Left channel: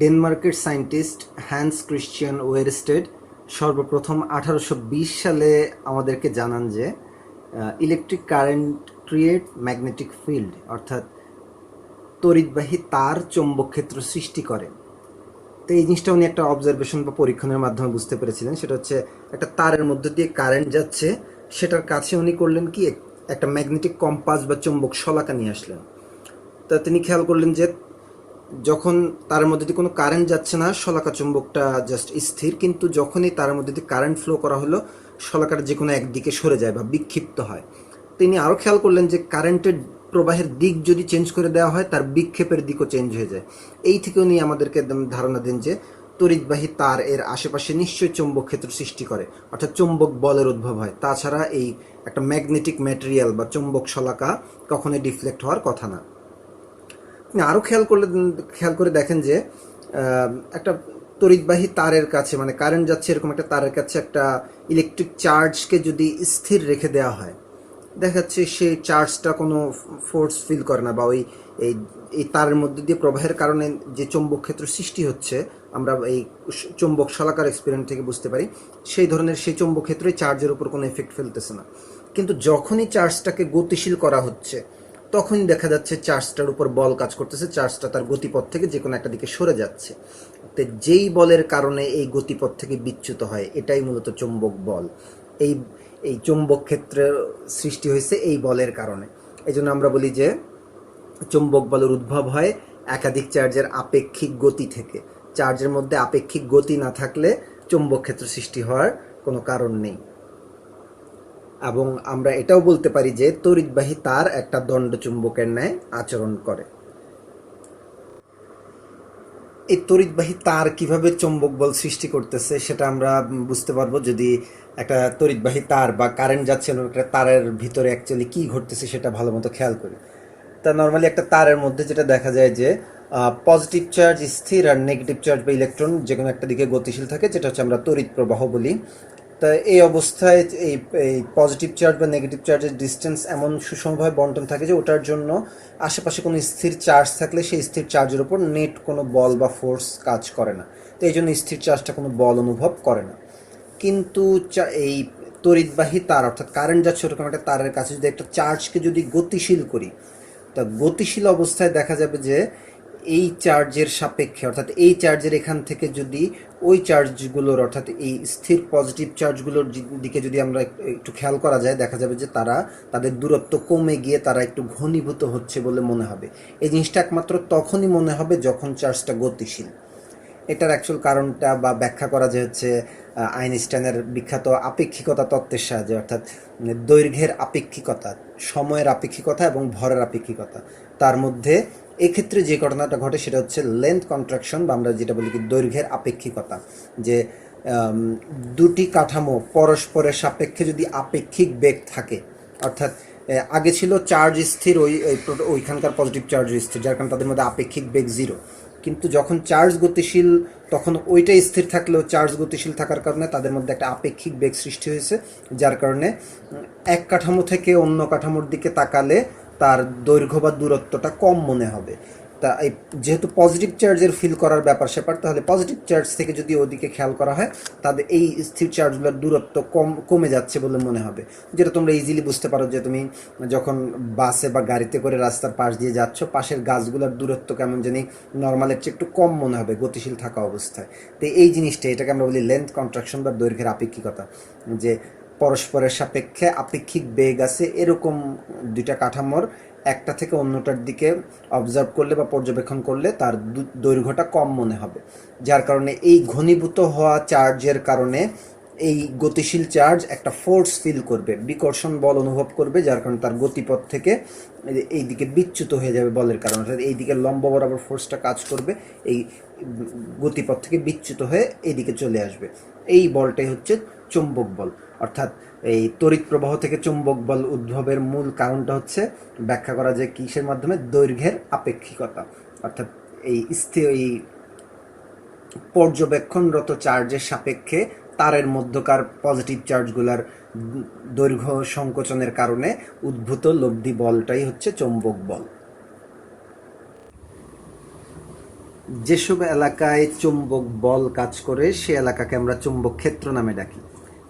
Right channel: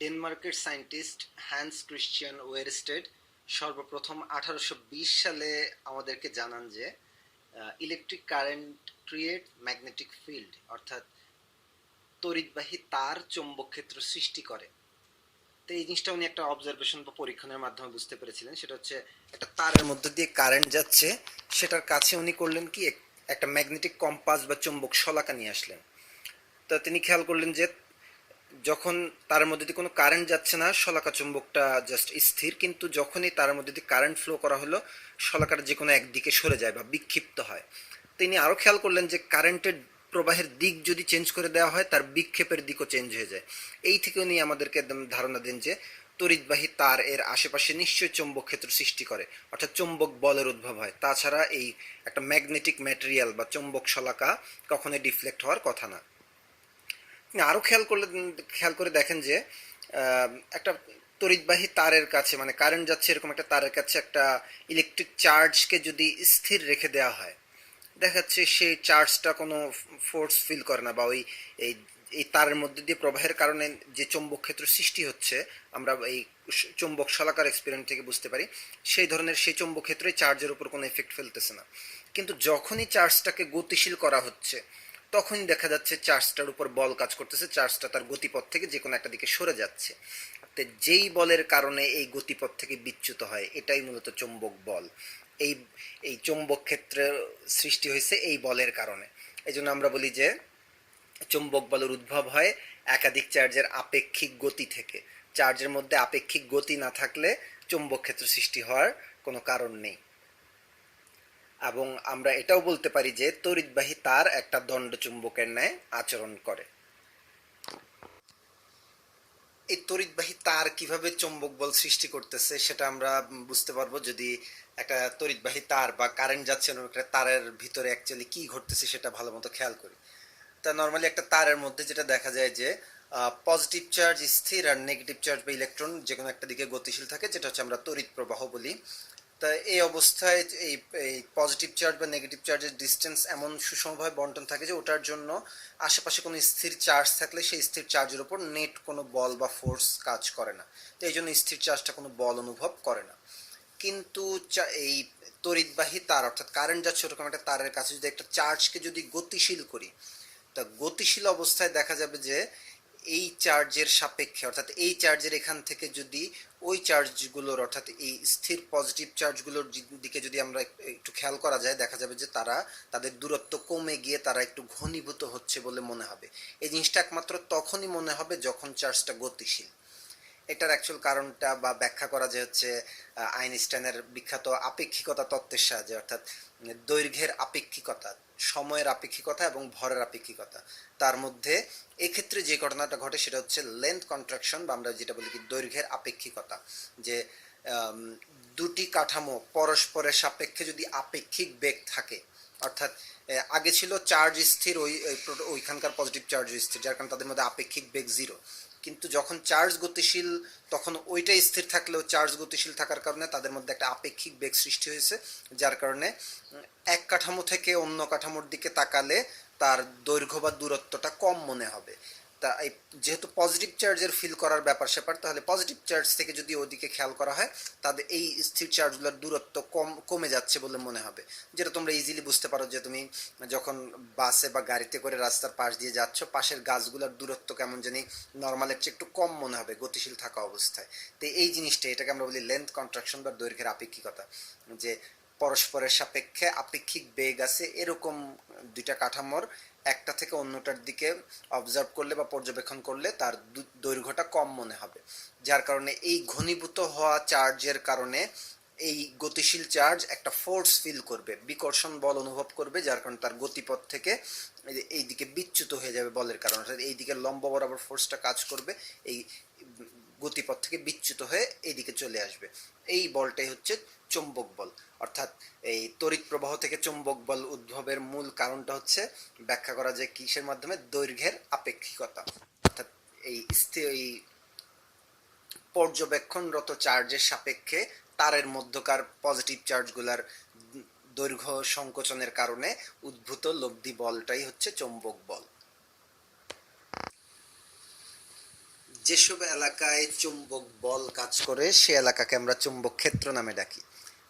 ডেনমার্কের scientist hence Christian Oersted সর্বপ্রথম 1820 সালে আমাদেরকে জানান যে electric current create magnetic field, অর্থাৎ তড়িৎবাহী তার চৌম্বক ক্ষেত্র সৃষ্টি করে। তো এই জিনিসটা উনি একটা অবজারভেশন বা পরীক্ষণের মাধ্যমে বুঝতে পেরেছিলেন। সেটা হচ্ছে একটা তারের মধ্যে দিয়ে কারেন্ট যাচ্ছে, সেটার কাছে উনি করলেন কি একটা ম্যাগনেটিক কম্পাস বা চৌম্বক শলাকা নিয়ে আসলেন। তা তিনি খেয়াল করলেন যে যখন তার মধ্যে দিয়ে কোনো কারেন্ট যাচ্ছে না, শলাকা চুম্বকটা জাস্ট স্থির, কিন্তু যখনই তার মধ্যে দিয়ে কারেন্ট ফ্লো করা হলো, শলাকাটা যে কোনো একদিকে সরে যায় বা বিক্ষিপ্ত হয়। তিনি আরও খেয়াল করলেন যে কারেন্টের প্রবাহের দিক যদি চেঞ্জ করে দেওয়া হয়, তার বিক্ষেপের দিকও চেঞ্জ হয়ে যায়। এই থেকে উনি আমাদেরকে একদম ধারণা দেন যে তড়িৎবাহী তার এর আশেপাশে নিশ্চয়ই চৌম্বক ক্ষেত্র সৃষ্টি করে, অর্থাৎ চৌম্বক বলের উদ্ভব হয়। তাছাড়া এই একটা ম্যাগনেটিক ম্যাটেরিয়াল বা চৌম্বক শলাকা কখনোই ডিফ্লেক্ট হওয়ার কথা না। আরও খেয়াল করে দেখেন যে একটা তড়িৎবাহী তারের কাছে, মানে কারেন্ট যাচ্ছে এরকম একটা তারের কাছে একটা ইলেকট্রিক চার্জকে যদি স্থির রেখে দেওয়া হয়, দেখা যাচ্ছে সেই চার্জটা কোনো ফোর্স ফিল করে না, বা এই এই তারের মধ্যে দিয়ে প্রবাহের কারণে যে চৌম্বক ক্ষেত্র সৃষ্টি হচ্ছে, আমরা এই চৌম্বক শলাকার এক্সপেরিমেন্ট থেকে বুঝতে পারি সেই ধরনের সেই চৌম্বক ক্ষেত্রই চার্জের উপর কোনো এফেক্ট ফেলতেছে না। কিন্তু যখনই চার্জটাকে গতিশীল করা হচ্ছে, তখনই দেখা যাচ্ছে চার্জটার উপর বল কাজ করতেছে, চার্জটা তার গতিপথ থেকে যে কোনো একটা দিকে সরে যাচ্ছে। তো যেই বলের কারণে এই গতিপথ থেকে বিচ্যুত হয়, এটাই মূলত চৌম্বক বল। এই এই চৌম্বক ক্ষেত্রের সৃষ্টি হয়েছে এই বলের কারণে। এই জন্য আমরা বলি যে চৌম্বক বলের উদ্ভব হয় একাধিক চার্জের আপেক্ষিক গতি থেকে। চার্জের মধ্যে আপেক্ষিক গতি না থাকলে চৌম্বক ক্ষেত্র সৃষ্টি হওয়ার কোনো কারণ নেই। এবং আমরা এটাও বলতে পারি যে তড়িৎবাহী তার একটা দণ্ড চুম্বকের ন্যায় আচরণ করে। এই তড়িৎবাহী তার কিভাবে চৌম্বক বল সৃষ্টি করতেছে সেটা আমরা বুঝতে পারবো যদি একটা তড়িৎবাহী তার বা কারেন্ট যাচ্ছে একটা তারের ভিতরে অ্যাকচুয়ালি কী ঘটতেছে সেটা ভালো মতো খেয়াল করি। তা নর্মালি একটা তারের মধ্যে যেটা দেখা যায় যে পজিটিভ চার্জ স্থির আর নেগেটিভ চার্জ বা ইলেকট্রন যে কোনো একটা দিকে গতিশীল থাকে, যেটা হচ্ছে আমরা তড়িৎ প্রবাহ বলি। তা এই অবস্থায় এই এই পজিটিভ চার্জ বা নেগেটিভ চার্জের ডিস্টেন্স এমন সুষমভাবে বন্টন থাকে যে ওটার জন্য আশেপাশে কোনো স্থির চার্জ থাকলে সেই স্থির চার্জের উপর নেট কোনো বল বা ফোর্স কাজ করে না। তো এই জন্য স্থির চার্জটা কোনো বল অনুভব করে না। কিন্তু এই তড়িৎবাহী তার অর্থাৎ কারেন্ট যাচ্ছে ওরকম একটা তারের কাছে যদি একটা চার্জকে যদি গতিশীল করি, তা গতিশীল অবস্থায় দেখা যাবে যে এই চার্জের সাপেক্ষে, অর্থাৎ এই চার্জের এখান থেকে যদি ওই চার্জগুলোর, অর্থাৎ এই স্থির পজিটিভ চার্জগুলোর দিকে যদি আমরা একটু খেয়াল করা যায়, দেখা যাবে যে তাদের দূরত্ব কমে গিয়ে তারা একটু ঘনীভূত হচ্ছে বলে মনে হবে। এই জিনিসটা একমাত্র তখনই মনে হবে যখন চার্জটা গতিশীল। এটার অ্যাকচুয়াল কারণটা বা ব্যাখ্যা করা যে হচ্ছে আইনস্টাইনের বিখ্যাত আপেক্ষিকতা তত্ত্বের সাহায্যে, অর্থাৎ দৈর্ঘ্যের আপেক্ষিকতা, সময়ের আপেক্ষিকতা এবং ভরের আপেক্ষিকতা। তার মধ্যে এক্ষেত্রে যে ঘটনাটা ঘটে সেটা হচ্ছে লেন্থ কন্ট্রাকশন, বা আমরা যেটা বলি কি দৈর্ঘ্যের আপেক্ষিকতা। যে দুটি কাঠামো পরস্পরের সাপেক্ষে যদি আপেক্ষিক বেগ থাকে, অর্থাৎ আগে ছিল চার্জ স্থির, ওইখানকার পজিটিভ চার্জ স্থির, যার কারণে তাদের মধ্যে আপেক্ষিক বেগ জিরো। কিন্তু যখন চার্জ গতিশীল, তখন ওইটাই স্থির থাকলেও চার্জ গতিশীল থাকার কারণে তাদের মধ্যে একটা আপেক্ষিক বেগ সৃষ্টি হয়েছে, যার কারণে এক কাঠামো থেকে অন্য কাঠামোর দিকে তাকালে তার দৈর্ঘ্য বা দূরত্বটা কম মনে হবে। তা এই যেহেতু পজিটিভ চার্জের ফিল করার ব্যাপার স্যাপার, তাহলে পজিটিভ চার্জ থেকে যদি ওদিকে খেয়াল করা হয়, তাদের এই স্থির চার্জগুলোর দূরত্ব কমে যাচ্ছে বলে মনে হবে। যেটা তোমরা ইজিলি বুঝতে পারো যে তুমি যখন বাসে বা গাড়িতে করে রাস্তার পাশ দিয়ে যাচ্ছ, পাশের গাছগুলোর দূরত্ব কেমন জানি নর্মালের চেয়ে একটু কম মনে হবে গতিশীল থাকা অবস্থায়। তো এই জিনিসটা, এটাকে আমরা বলি লেন্থ কন্ট্রাকশন বা দৈর্ঘ্যের আপেক্ষিকতা। যে পরস্পরের সাপেক্ষে আপেক্ষিক বেগ আছে এরকম দুইটা কাঠামোর একটা থেকে অন্যটার দিকে অবজার্ভ করলে বা পর্যবেক্ষণ করলে তার দৈর্ঘ্যটা কম মনে হবে। যার কারণে এই ঘনীভূত হওয়া চার্জের কারণে এই গতিশীল চার্জ একটা ফোর্স ফিল করবে, বিকর্ষণ বল অনুভব করবে, যার কারণে তার গতিপথ থেকে এই দিকে বিচ্যুত হয়ে যাবে বলের কারণে, অর্থাৎ এই দিকে লম্ব বরাবর ফোর্সটা কাজ করবে, এই গতিপথ থেকে বিচ্যুত হয়ে এইদিকে চলে আসবে। এই বলটাই হচ্ছে চৌম্বক বল। অর্থাৎ এই তড়িৎ প্রবাহ থেকে চৌম্বক বল উদ্ভবের মূল কারণটা হচ্ছে ব্যাখ্যা করা যায় কিসের মাধ্যমে, দৈর্ঘ্যের আপেক্ষিকতা। অর্থাৎ এই পর্যবেক্ষণরত চার্জের সাপেক্ষে তারের মধ্যকার পজিটিভ চার্জগুলার দৈর্ঘ্য সংকোচনের কারণে উদ্ভূত লব্ধি বলটাই হচ্ছে চৌম্বক বল। যেসব এলাকায় চুম্বক বল কাজ করে সে এলাকাকে আমরা চুম্বক ক্ষেত্র নামে ডাকি।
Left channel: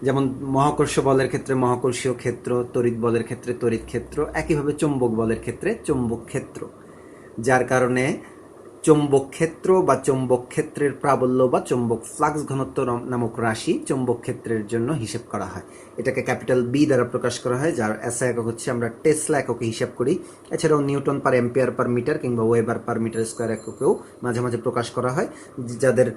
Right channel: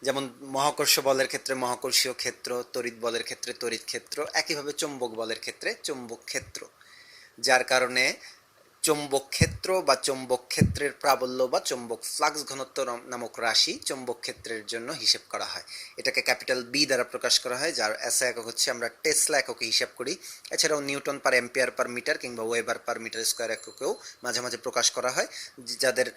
যেমন মহাকর্ষ বলের ক্ষেত্রে মহাকর্ষীয় ক্ষেত্র, তড়িৎ বলের ক্ষেত্রে তড়িৎ ক্ষেত্র, একইভাবে চুম্বক বলের ক্ষেত্রে চুম্বক ক্ষেত্র। যার কারণে চৌম্বক ক্ষেত্র বা চৌম্বক ক্ষেত্রের প্রাবল্য বা চৌম্বক ফ্লাক্স ঘনত্ব নামক রাশি চৌম্বক ক্ষেত্রের জন্য হিসেব করা হয়। এটাকে ক্যাপিটাল বি দ্বারা প্রকাশ করা হয়, যার এসআই একক হচ্ছে আমরা টেসলা এককে হিসাব করি। এছাড়াও newton per ampere per metre কিংবা ওয়েবার পার মিটার স্কোয়ার এককেও মাঝে মাঝে প্রকাশ করা হয়, যাদের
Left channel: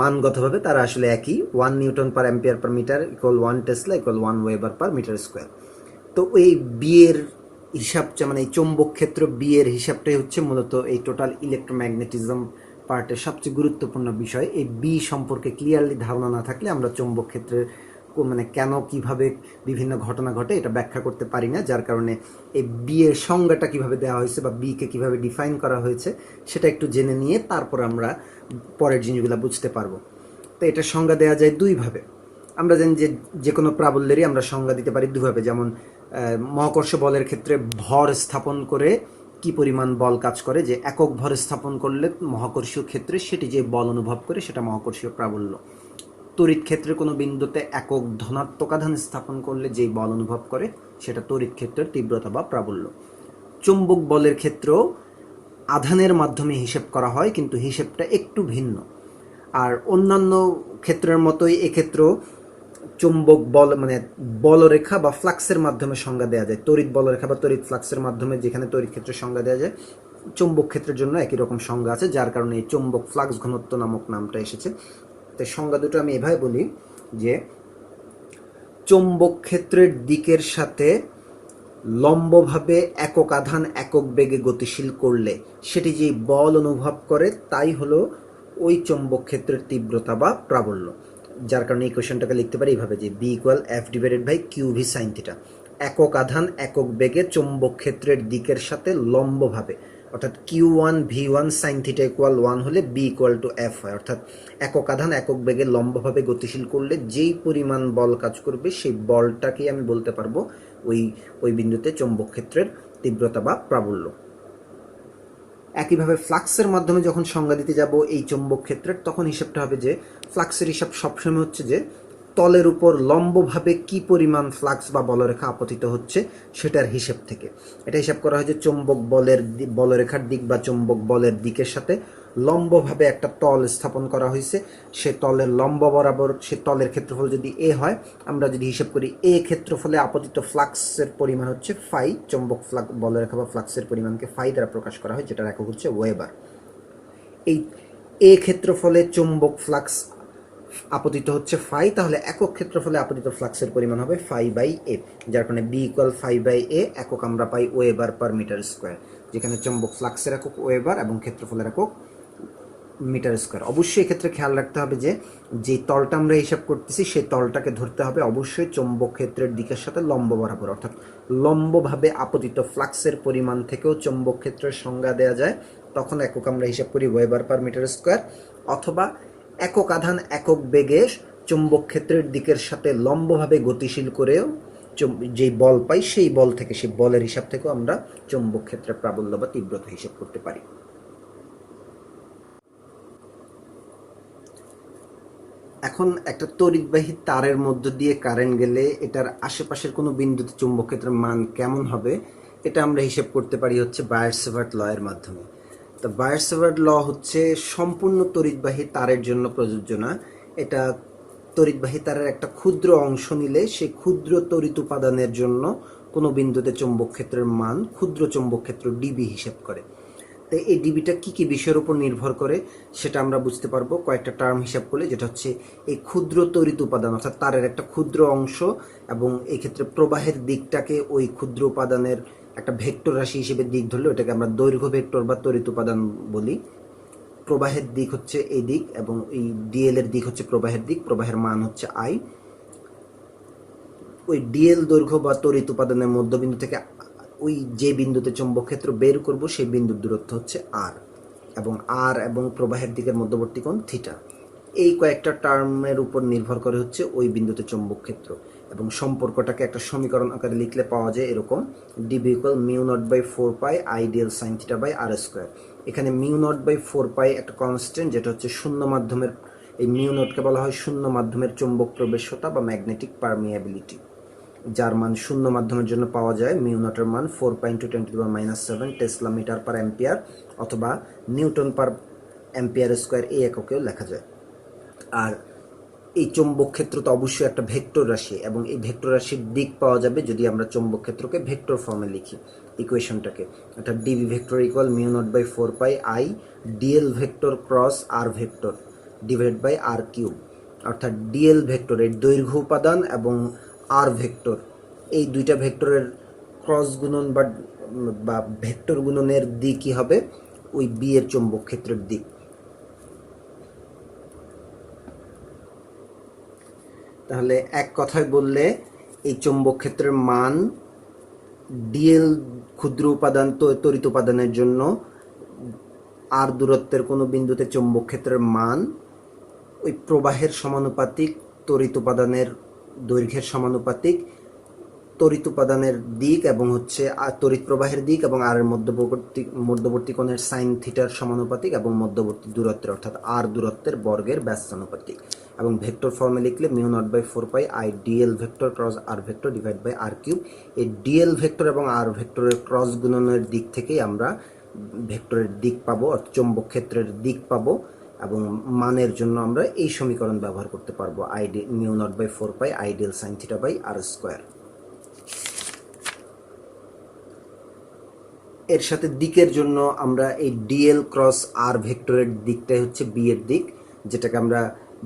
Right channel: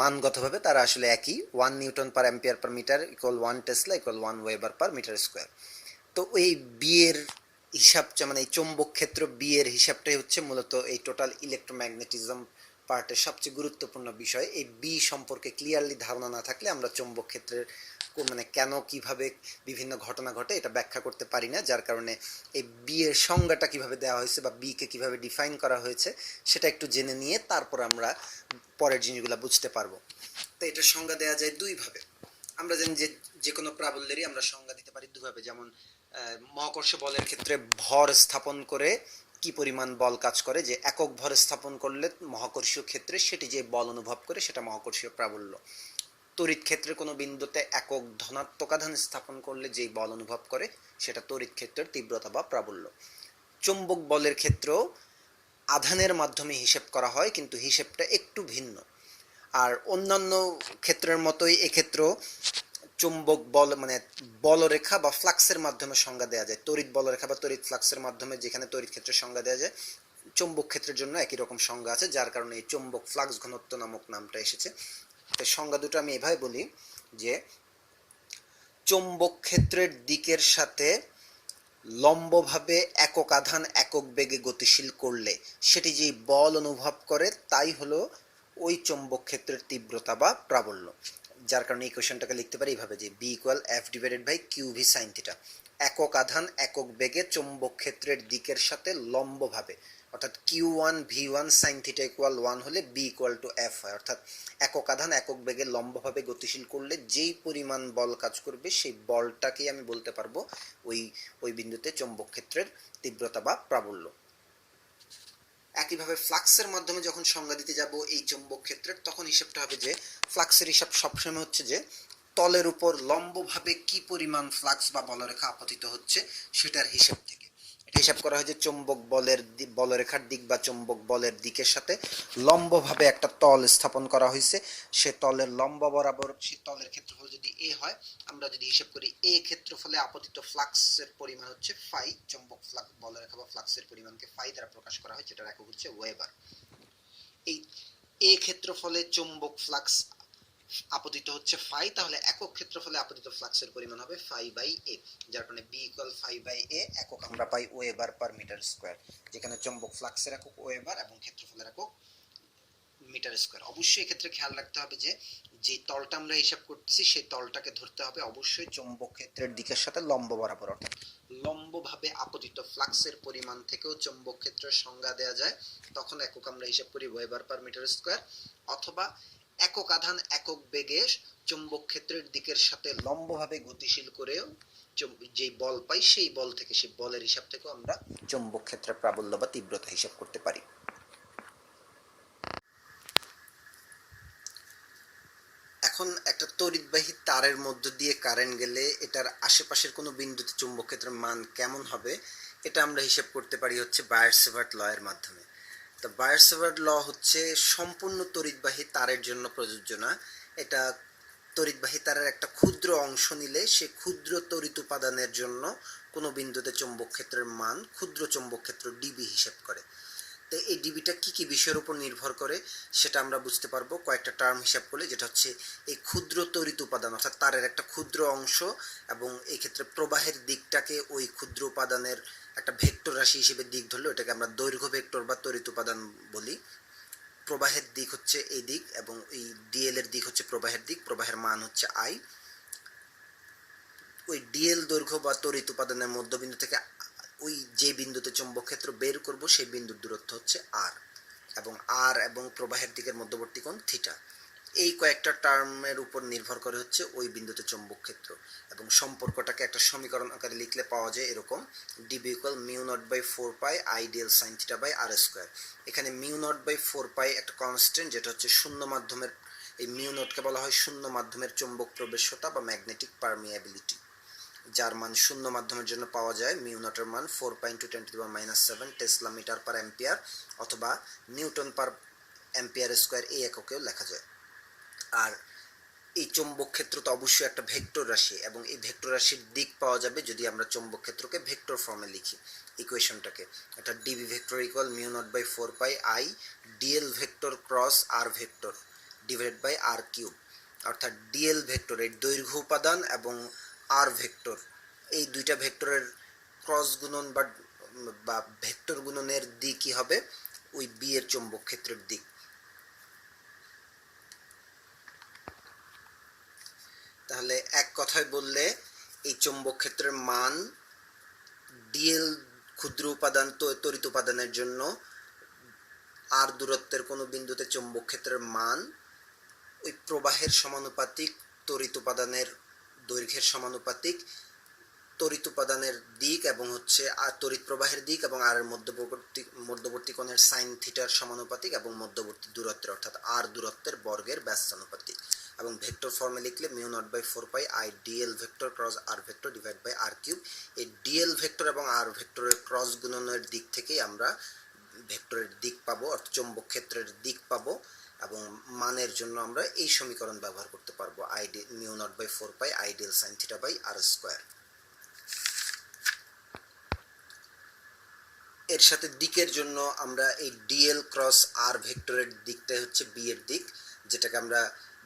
মানগতভাবে তারা আসলে একই। 1 newton per ampere per metre equal 1 tesla equal 1 weber per metre square. তো এই বিয়ের হিসাবটা মানে এই চৌম্বক ক্ষেত্র বি এর হিসাবটাই হচ্ছে মূলত এই টোটাল ইলেকট্রোম্যাগনেটিজম পার্টের সবচেয়ে গুরুত্বপূর্ণ বিষয়। এই বি সম্পর্কে ক্লিয়ারলি ধারণা না থাকলে আমরা চৌম্বক ক্ষেত্রের মানে কেন কিভাবে বিভিন্ন ঘটনা ঘটে এটা ব্যাখ্যা করতে পারি না, যার কারণে এই বি এর সংজ্ঞাটা কিভাবে দেওয়া হয়েছে বা বিকে কিভাবে ডিফাইন করা হয়েছে সেটা একটু জেনে নিয়ে তারপর আমরা পরের জিনিসগুলো বুঝতে পারবো। তো এটার সংজ্ঞা দেওয়া যায় দুইভাবে। আমরা জানি যে যে কোনো প্রাবল্যেরই আমরা সংজ্ঞা দিতে পারি দুভাবে। যেমন মহাকর্ষ বলের ক্ষেত্রে ভর স্থাপন করে কি পরিমাণ বল কাজ করে, যে একক ভর স্থাপন করলে মহাকর্ষীয় ক্ষেত্রে সেটি যে বল অনুভব করে সেটা মহাকর্ষীয় প্রাবল্য। তড়িৎ ক্ষেত্রে কোনো বিন্দুতে একক ধনাত্মক আধান স্থাপন করলে যেই বল অনুভব করে সেটা তড়িৎ ক্ষেত্রের তীব্রতা বা প্রাবল্য। চুম্বক বলের ক্ষেত্রেও আধানের মাধ্যমে হিসেব করা হয়, কিন্তু হিসেবটা একটু ভিন্ন। আর অন্যান্য ক্ষেত্রের মতোই এক্ষেত্রেও চুম্বক বল মানে বলরেখা বা ফ্লাক্সের মাধ্যমে সংজ্ঞা দেওয়া যায়। তড়িৎ বলরেখা বা তড়িৎ ফ্লাক্সের মাধ্যমে যেখানে তড়িৎ ক্ষেত্রের সংজ্ঞা দেওয়া যায়, চুম্বক ক্ষেত্রের জন্য একই রকম সংজ্ঞা আছে, যার কারণে এই চুম্বক ফ্লাক্স ঘনত্ব নামক নামটা এসেছে। তাই সংজ্ঞা দুটো আমি এভাবে বলি যে চুম্বক ক্ষেত্রের দিকের সাথে লম্বভাবে একক আধান একক বেগে গতিশীল করলে সেটি যে বল অনুভব করে তাই হলো ওই চৌম্বক ক্ষেত্রের তীব্রতা বা প্রাবল্য। যার কারণে এই কোয়েশনটাকে লিখতে পারি এইভাবে যে B equal F divided by Q V sine theta. একক আধান একক বেগে চৌম্বক ক্ষেত্রের দিকের সাথে লম্বভাবে, অর্থাৎ Q1 V1 sine theta equal 1 হলে বি ইকুয়াল টু এফ হয়। অর্থাৎ একক আধান একক বেগে লম্বভাবে গতিশীল করলে যেই পরিমাণ বল কাজ করবে সেই বলটাকেই আমি বলতে পারবো ওই ওই বিন্দুতে চৌম্বক ক্ষেত্রের তীব্রতা বা প্রাবল্য। একইভাবে ফ্লাক্সের মাধ্যমে যখন সংজ্ঞা দিতে যাব এই চৌম্বক ক্ষেত্রের, তখন হিসাবটা হবে যে ফ্লাক্সের হিসাব সবসময় হচ্ছে যে তলের উপর লম্বভাবে কি পরিমাণ ফ্লাক্স বা বলরেখা আপতিত হচ্ছে সেটার হিসাব থেকে। এটা হিসাব করা হয় যে চৌম্বক বলরেখার দিক বা চৌম্বক বলের দিকের সাথে লম্বভাবে একটা তল স্থাপন করা হয়েছে। সে তলের লম্ব বরাবর সে তলের ক্ষেত্রফল যদি এ হয়, আমরা যদি হিসাব করি এ ক্ষেত্রফলে আপতিত ফ্লাক্সের পরিমাণ হচ্ছে ফাই। চৌম্বক বলরেখা বা ফ্লাক্সের পরিমাণকে ফাই দ্বারা প্রকাশ করা হয়, যেটার একক হচ্ছে ওয়েবার। এই এ ক্ষেত্রফলে চৌম্বক ফ্লাক্স আপতিত হচ্ছে ফাই, তাহলে একক ক্ষেত্রফলে আপতিত ফ্লাক্সের পরিমাণ হবে ফাই বাই এ, যার কারণে বি ইকুয়াল ফাই বাই এ। একক আমরা পাই ওয়েবার পার মিটার স্কোয়ার, যেখানে চৌম্বক ফ্লাক্সের একক ওয়েবার এবং ক্ষেত্রফলের একক মিটার স্কোয়ার। অবশ্যই এক্ষেত্রে খেয়াল রাখতে হবে যে যে তলটা আমরা হিসাব করতেছি সেই তলটাকে ধরতে হবে অবশ্যই চৌম্বক ক্ষেত্রের দিকের সাথে লম্ব বরাবর, অর্থাৎ লম্বভাবে আপতিত ফ্লাক্সের পরিমাণ থেকেও চৌম্বক ক্ষেত্রের সংজ্ঞা দেওয়া যায়। তখন একক আমরা হিসাব করি ওয়েবার পার মিটার স্কোয়ার, অথবা একক আধান একক বেগে চৌম্বক ক্ষেত্রের দিকের সাথে লম্বভাবে গতিশীল করেও যেই বল পাই সেই বল থেকে সেই বলের হিসাব থেকেও আমরা চৌম্বক ক্ষেত্রের প্রাবল্য বা তীব্রতা হিসাব করতে পারি। এখন একটা তড়িৎবাহী তারের মধ্য দিয়ে কারেন্ট গেলে এটার আশেপাশের কোনো বিন্দুতে চুম্বক ক্ষেত্রের মান কেমন হবে এটা আমরা হিসেব করতে পারি হচ্ছে বায়ার-সেভার্ট ল এর মাধ্যমে। তো বায়ার-সেভার্ট ল হচ্ছে সম্পূর্ণ তড়িৎবাহী তারের জন্য প্রযোজ্য না। এটা তড়িৎবাহী তারের একটা ক্ষুদ্র অংশ নিলে সেই ক্ষুদ্র তড়িৎ উপাদানের জন্য কোনো বিন্দুতে চৌম্বক ক্ষেত্রের মান ক্ষুদ্র চৌম্বক ক্ষেত্র ডিবি হিসেব করে। তো এই ডিবিটা কী কী বিষয়ের উপর নির্ভর করে সেটা আমরা বুঝতে পারবো কয়েকটা টার্ম হিসাব করলে, যেটা হচ্ছে এই ক্ষুদ্র তড়িৎ উপাদান অর্থাৎ তারের একটা ক্ষুদ্র অংশ, এবং এই ক্ষেত্রে প্রবাহের দিকটাকে ওই ক্ষুদ্র উপাদানের একটা ভেক্টর রাশি হিসেবে দিক ধরলে ওটাকে আমরা দৈর্ঘ্য ভেক্টর বা তড়িৎ উপাদান বলি। প্রবাহের দিক হচ্ছে এই দিক এবং এই ডিএল এর দিক হচ্ছে প্রবাহের দিক, প্রবাহের মান হচ্ছে আই। ওই ডিএল দৈর্ঘ্য বা তড়িৎ উপাদানের মধ্যবিন্দু থেকে ওই যে বিন্দুতে চৌম্বক ক্ষেত্র বের করব সেই বিন্দুর দূরত্ব হচ্ছে আর, এবং আর এবং প্রবাহের দিকের মধ্যবর্তী কোণ থিটা। এই কয়েকটা টার্মের উপর নির্ভর করে হচ্ছে ওই বিন্দুতে চৌম্বক ক্ষেত্র, এবং সম্পর্কটাকে একটা সমীকরণ আকারে লিখলে পাওয়া যায় এরকম, DB equal mu naught by 4 pi I DL sine theta by R square. এখানে মিউ নট বাই 4 পাই একটা কনস্ট্যান্ট, যেটা হচ্ছে শূন্য মাধ্যমের, এই মিউ নটকে বলা হয় শূন্য মাধ্যমের চৌম্বক প্রবেশ্যতা বা ম্যাগনেটিক পারমিয়াবিলিটি, যার মান শূন্য মাধ্যমের জন্য পাওয়া যায় মিউ নটের মান 4 × 10⁻⁷ টেসলা মিটার পার অ্যাম্পিয়ার, অথবা নিউটন পার অ্যাম্পিয়ার স্কোয়ার এই এককেও লেখা যায়। আর এই চৌম্বক ক্ষেত্র তো অবশ্যই একটা ভেক্টর রাশি, এবং এই ভেক্টর রাশির দিক পাওয়া যাবে যদি আমরা চৌম্বক ক্ষেত্রকে ভেক্টর ফর্মে লিখি ইকুয়েশনটাকে, অর্থাৎ DB vector equal mu naught by 4 pi I DL vector cross R vector divide by R cube, অর্থাৎ ডিএল ভেক্টর এর দৈর্ঘ্য উপাদান এবং আর ভেক্টর, এই দুইটা ভেক্টরের ক্রস গুণন বা ভেক্টর গুণনের দিকই হবে ওই বি এর চৌম্বক ক্ষেত্রের দিক। তাহলে এক কথায় বললে এই চৌম্বক ক্ষেত্রের মান ডিএল ক্ষুদ্র উপাদান তড়িৎ উপাদানের জন্য আর দূরত্বের কোনো বিন্দুতে চৌম্বক ক্ষেত্রের মান ওই প্রবাহের সমানুপাতিক, তড়িৎ উপাদানের দৈর্ঘ্যের সমানুপাতিক, তড়িৎ উপাদানের দিক এবং হচ্ছে তড়িৎ প্রবাহের দিক এবং আর মধ্যবর্তী কোণের সাইন থিটার সমানুপাতিক, এবং মধ্যবর্তী দূরত্বের অর্থাৎ আর দূরত্বের বর্গের ব্যস্তানুপাতিক। এবং ভেক্টর ফর্মে লিখলে mu naught by 4 pi I DL vector cross R vector divide by R cube. এই ডিএল ভেক্টর এবং আর ভেক্টরের ক্রস গুণনের দিক থেকেই আমরা ভেক্টরের দিক পাবো, অর্থাৎ চৌম্বক ক্ষেত্রের দিক পাবো, এবং মানের জন্য আমরা এই সমীকরণ ব্যবহার করতে পারবো, mu naught by 4 pi ideal sine theta by R square. এর সাথে দিকের জন্য আমরা এই ডিএল ক্রস আর ভেক্টরের দিকটাই হচ্ছে বি এর দিক, যেটাকে আমরা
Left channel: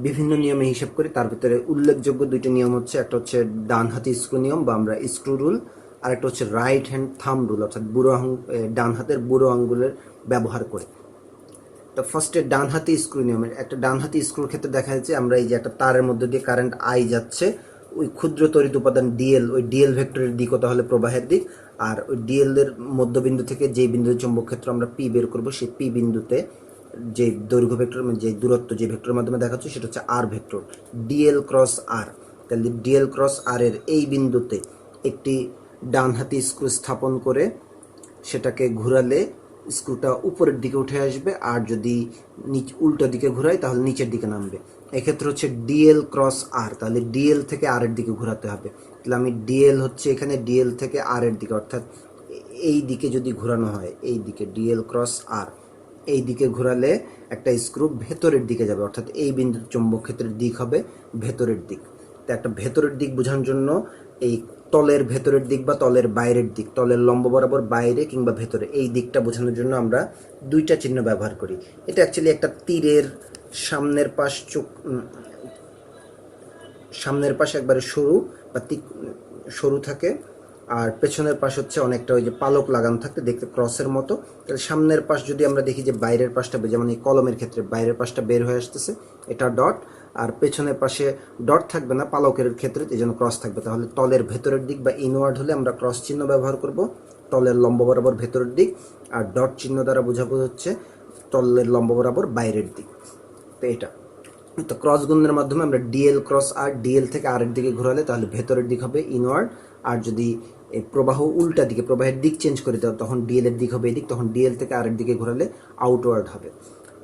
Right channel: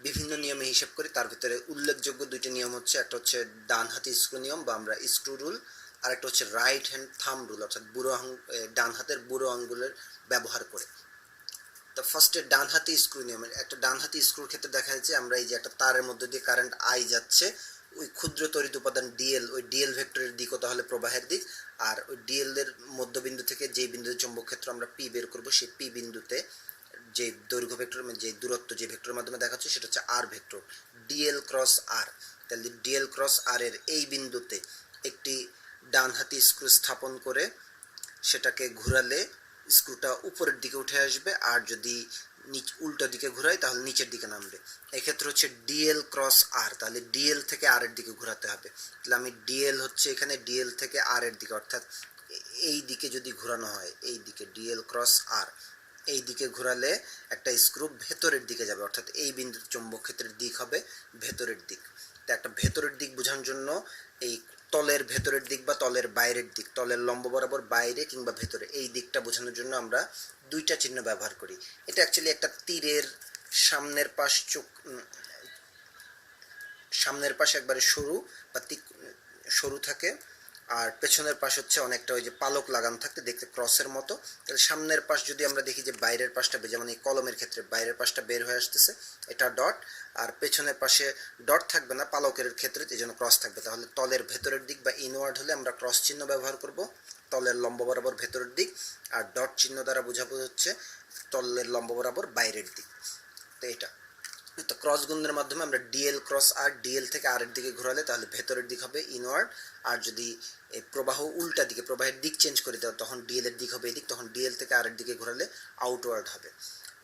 বিভিন্ন নিয়মে হিসাব করি। তার ভিতরে উল্লেখযোগ্য দুইটি নিয়ম হচ্ছে, একটা হচ্ছে ডান হাতি স্ক্রু নিয়ম বা আমরা স্ক্রু রুল, আর একটা হচ্ছে রাইট হ্যান্ড থাম রুল, অর্থাৎ ডান হাতের বুড়ো আঙ্গুলের ব্যবহার করে। তো ফার্স্টে ডান হাতি স্ক্রু নিয়মের, একটা ডান হাতি স্ক্রুর ক্ষেত্রে দেখা যাচ্ছে আমরা এই যে একটা তারের মধ্যে দিয়ে কারেন্ট আই যাচ্ছে, ওই ক্ষুদ্র তড়িৎ উপাদান ডিএল, ওই ডিএল ভেক্টরের দিকও তাহলে প্রবাহের দিক, আর ওই ডিএল এর মধ্যবিন্দু থেকে যেই বিন্দুতে চৌম্বক ক্ষেত্র আমরা পি বের করব, সেই পি বিন্দুতে যে দৈর্ঘ্য ভেক্টর, যে দূরত্ব যে ভেক্টরের মাধ্যমে দেখাচ্ছে সেটা হচ্ছে আর ভেক্টর, ডিএল ক্রস আর। তাহলে ডিএল ক্রস আর এর এই বিন্দুতে একটি ডান হাতি স্ক্রু স্থাপন করে সেটাকে ঘোরালে স্ক্রুটা উপরের দিকে উঠে আসবে, আর যদি উল্টো দিকে ঘোরাই তাহলে নিচের দিকে নামবে। এক্ষেত্রে হচ্ছে ডিএল ক্রস আর, তাহলে ডিএল থেকে আর এর দিকে ঘোরাতে হবে। তাহলে আমি ডিএল হচ্ছে এখানে ডিএল থেকে আর এর দিকে, অর্থাৎ এই দিকে যদি ঘোরানো হয়, এই দিকে ডিএল ক্রস আর, এই দিকে ঘোরালে একটা স্ক্রু ভেতরের দিকে যাবে, অর্থাৎ এই বিন্দুর চৌম্বক ক্ষেত্রের দিক হবে ভেতরের দিক। তো একটা ভেতরের দিক বোঝানোর জন্য এই তলের ভেতরের দিক বা তলের বাইরের দিক, তলের লম্ব বরাবর বাইরে কিংবা ভেতরে, এই দিকটা বোঝানোর জন্য আমরা দুইটা চিহ্ন ব্যবহার করি। এটা অ্যাকচুয়ালি একটা তীরের সামনের পাশ সামনের পাশ একবারে সরু বা সরু থাকে, আর পেছনের পাশ হচ্ছে অনেকটা ওই যে পালক লাগানো থাকতে দেখতে ক্রসের মতো। তাহলে সামনের পাশ যদি আমরা দেখি যে বাইরের পাশটা, যেমন এই কলমের ক্ষেত্রে বাইরের পাশটা বের হয়ে আসতেছে, এটা ডট, আর পেছনের পাশে ডট থাকবে না, পালকের ক্ষেত্রে এই জন্য ক্রস থাকবে। তাহলে তলের ভেতরের দিক বা ইনওয়ার্ড হলে আমরা ক্রস চিহ্ন ব্যবহার করব, তলের লম্ব বরাবর ভেতরের দিক, আর ডট চিহ্ন দ্বারা বোঝাবো হচ্ছে তলের লম্ব বরাবর বাইরের দিক। তো এটা তো ক্রস গুণনের মাধ্যমে আমরা ডিএল ক্রস আর, ডিএল থেকে আর এর দিকে ঘোরালে তাহলে ভেতরের দিক হবে ইনওয়ার্ড, আর যদি প্রবাহ উল্টা দিকে, প্রবাহের দিক চেঞ্জ করে দেওয়া, তখন ডিএল এর দিক হবে এদিক, তখন ডিএল থেকে আর এর দিকে ঘোরালে আউটওয়ার্ড হবে।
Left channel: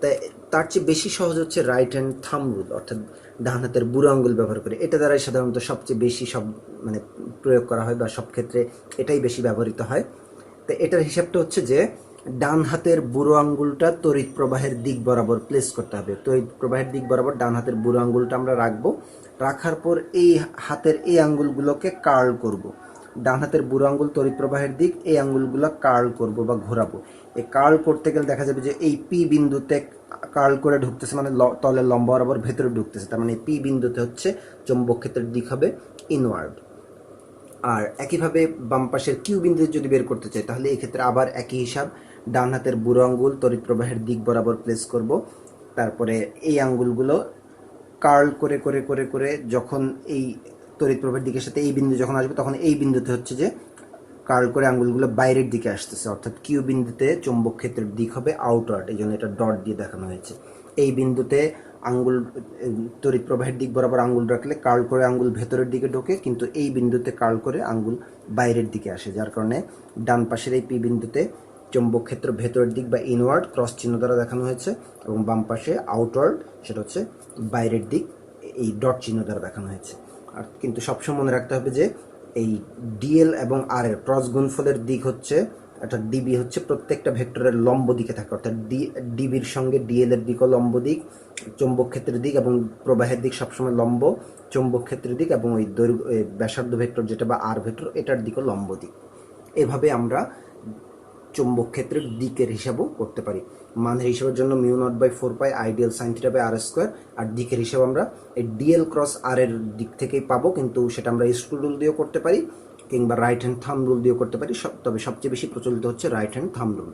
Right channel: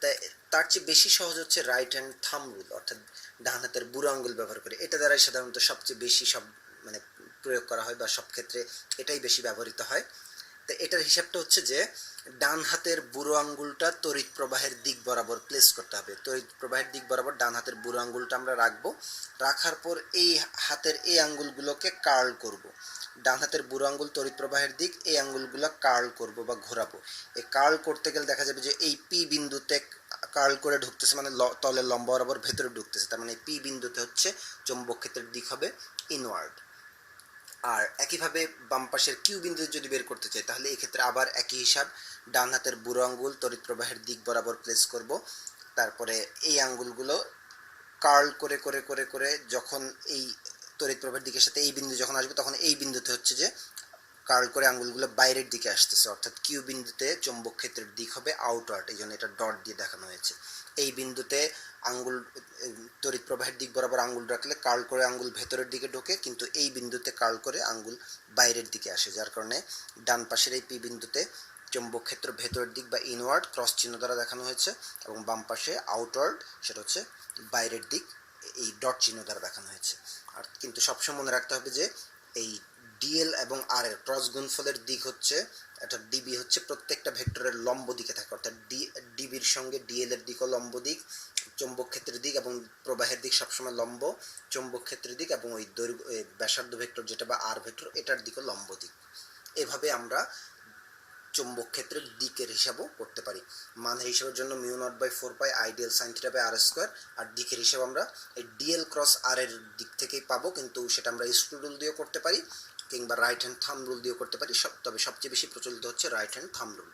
তাই তার চেয়ে বেশি সহজ হচ্ছে রাইট হ্যান্ড থাম রুল, অর্থাৎ ডান হাতের বুড়ো আঙ্গুল ব্যবহার করে। এটা দ্বারাই সাধারণত সবচেয়ে বেশি প্রয়োগ করা হয়, বা সব ক্ষেত্রে এটাই বেশি ব্যবহৃত হয়। তো এটার হিসাবটা হচ্ছে যে ডান হাতের বুড়ো আঙ্গুলটা তড়িৎ প্রবাহের দিক বরাবর প্লেস করতে হবে। তড়িৎ প্রবাহের দিক বরাবর ডান হাতের বুড়ো আঙ্গুলটা আমরা রাখবো, রাখার পর এই হাতের এই আঙ্গুলগুলোকে কার্ল করব। ডান হাতের বুড়ো আঙ্গুল তড়িৎ প্রবাহের দিক, এই আঙ্গুলগুলো কার্ল করব বা ঘোরাবো। এই কার্ল করতে গেলে দেখা যাবে যে এই পি বিন্দুতে কার্ল করে ঢুকতেছে, মানে তলের লম্বা বরাবর ভেতরে ঢুকতেছে, তার মানে পি বিন্দুতে হচ্ছে চৌম্বক ক্ষেত্রের দিক হবে ইনওয়ার্ড। আর একইভাবে বাম পাশের কিউ বিন্দু যদি বের করতে চাই, তাহলে এই ক্ষেত্রে আবার একই হিসাব, ডান হাতের বুড়ো আঙ্গুল তড়িৎ প্রবাহের দিক বরাবর প্লেস করব, তারপরে এই আঙ্গুলগুলো কার্ল করে করে করে করে যখন এই তড়িৎ প্রবাহের দিকের সাথে এই বিন্দু যখন আসবে, তখন এই বিন্দুতে হচ্ছে যে কার্ল করে আঙ্গুলগুলো বাইরের দিকে আসতেছে, অর্থাৎ কিউ বিন্দুতে চৌম্বক ক্ষেত্রের দিক হবে আউটওয়ার্ড, এই জন্য এটা ডট দিয়ে দেখানো হয়েছে। এই বিন্দুতে আঙ্গুল তড়িৎ প্রবাহের দিক বরাবর আঙ্গুল রাখলে কার্ল করে আঙ্গুল ভেতরের দিকে ঢোকে, কিন্তু এই বিন্দুতে কার্ল করে আঙ্গুল বাইরের দিকে আসে, যার কারণে ডান পাশের এই পি বিন্দুতে চৌম্বক ক্ষেত্র ভেতরের দিক বা ইনওয়ার্ড ক্রস চিহ্ন দ্বারা দেখানো হয়েছে, এবং বাম পাশে আউটওয়ার্ড সেটা হচ্ছে বাইরের দিক এই ডট চিহ্ন দ্বারা দেখানো হয়েছে। আর কিন্তু সবসময় মনে রাখতে হবে যে এই ডিএল এবং আর এর ক্রস গুণফলের দিক হচ্ছে, অর্থাৎ ডিবি হচ্ছে প্রত্যেকটা ভেক্টরের লম্ব দিকে থাকে, অর্থাৎ ডিবির সঙ্গে ডিএল এর দিকও লম্ব দিক, চৌম্বক ক্ষেত্রের দিক এবং প্রবাহের দিক সবসময় লম্ব, চৌম্বক ক্ষেত্রের দিক এবং ওই দৈর্ঘ্য ব্যাসার্ধ ভেক্টর যেটা বা আর ভেক্টর এটার দিকও লম্ব দিক। এভাবে আমরা চৌম্বক ক্ষেত্রের দিকের হিসাবও করতে পারি। মানের হিসাবের জন্য μ0/4 ideal sine theta by R square, আর দিকের হিসাব আমরা এই ডিএল ক্রস আর এর দিক থেকেই পাবো, কিন্তু সেটা আমরা স্ক্রু রুল দিয়েও করতে পারি কিংবা রাইট হ্যান্ড থাম্ব রুল দিয়েও করতে পারি, তবে সবচেয়ে বেশি প্রচলিত হচ্ছে রাইট হ্যান্ড থাম্ব রুল।